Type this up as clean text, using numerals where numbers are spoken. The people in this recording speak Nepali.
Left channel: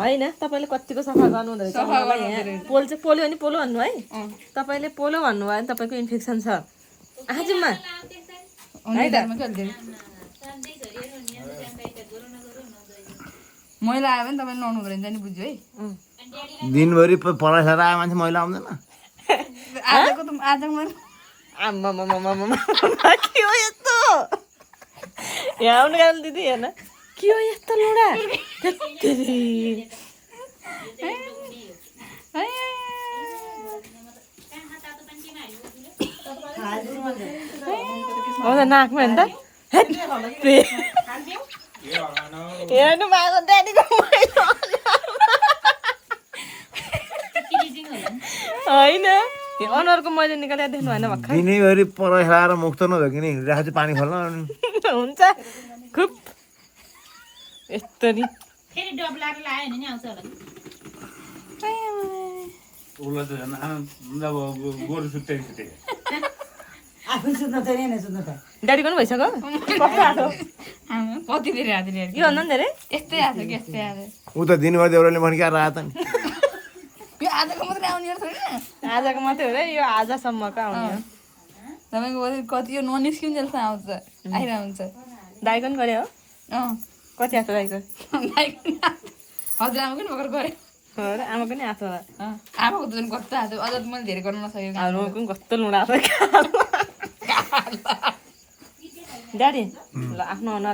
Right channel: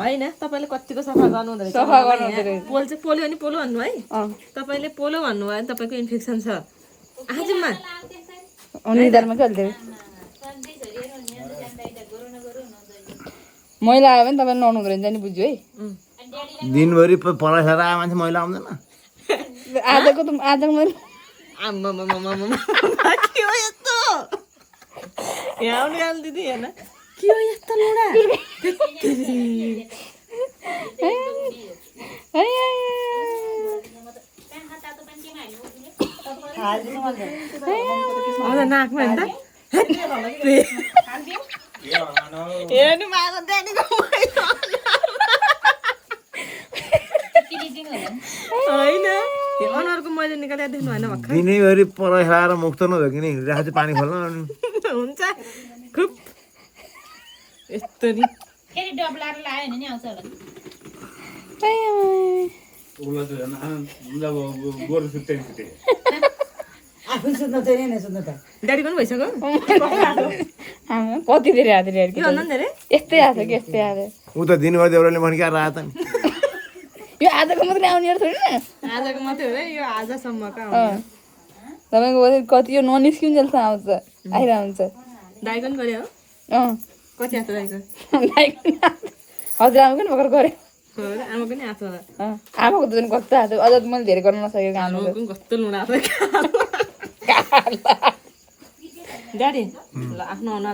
होइन तपाईँले कतिको सफा गर्नु हुँदो रहेछ पोल चाहिँ पोल्यो भने पोलो भन्नु है तपाईँले पोलो भन्नुभयो भने तपाईँको इन्फेक्सन छ आजमा मैला आयो भने तपाईँले नुहाउनु हुँदो रहेछ नि बुझ्यो है दिनभरि पराइसकेर आयो मान्छे मैला आउँदैन आजको त आजको मैले आम्मामामामामा के हो यस्तो यहाँ आउनु गाली दिदी हेर्न के हो यस्तो लुडा आउँदा नाकमा हेर्नु त हेर्नु भएको ड्याडीको होइन अनुहारको मैले निकालेर देख्नु भएन भर्खर दिनैभरि पराइसकेर मुख त नभयो कि नि हिँडिरहेको चाहिँ पानी खोल्न हुन्छ खुब यस्तो नि फेरि डबलाएर लायो भने नि आउँछ होला ड्याडी पनि भइसक्यो कति धेरै हात धेरै के भन्दा धेरै यस्तै आएको कि यस्तै आएको ऊ त दिनभरि देउराले भन्किएर आयो त नि यो आजको मात्रै आउने थोरै न आजको मात्रै हो र यो आजसम्मको आउने तपाईँको कति यो ननिस्किन्जेलसम्म आउँछ आइरहन्छ दाइको पनि गऱ्यो हो अँ कति हात दाइको हजुर आमा पनि भर्खर गरेँ हो र आमाको नि हात होला आमाको त झन् कस्तो हात अझ त मैले धेरै गर्न नसकेको आमाको पनि कस्तो लुडा छ ड्याडी ल आफ्नो अनुहार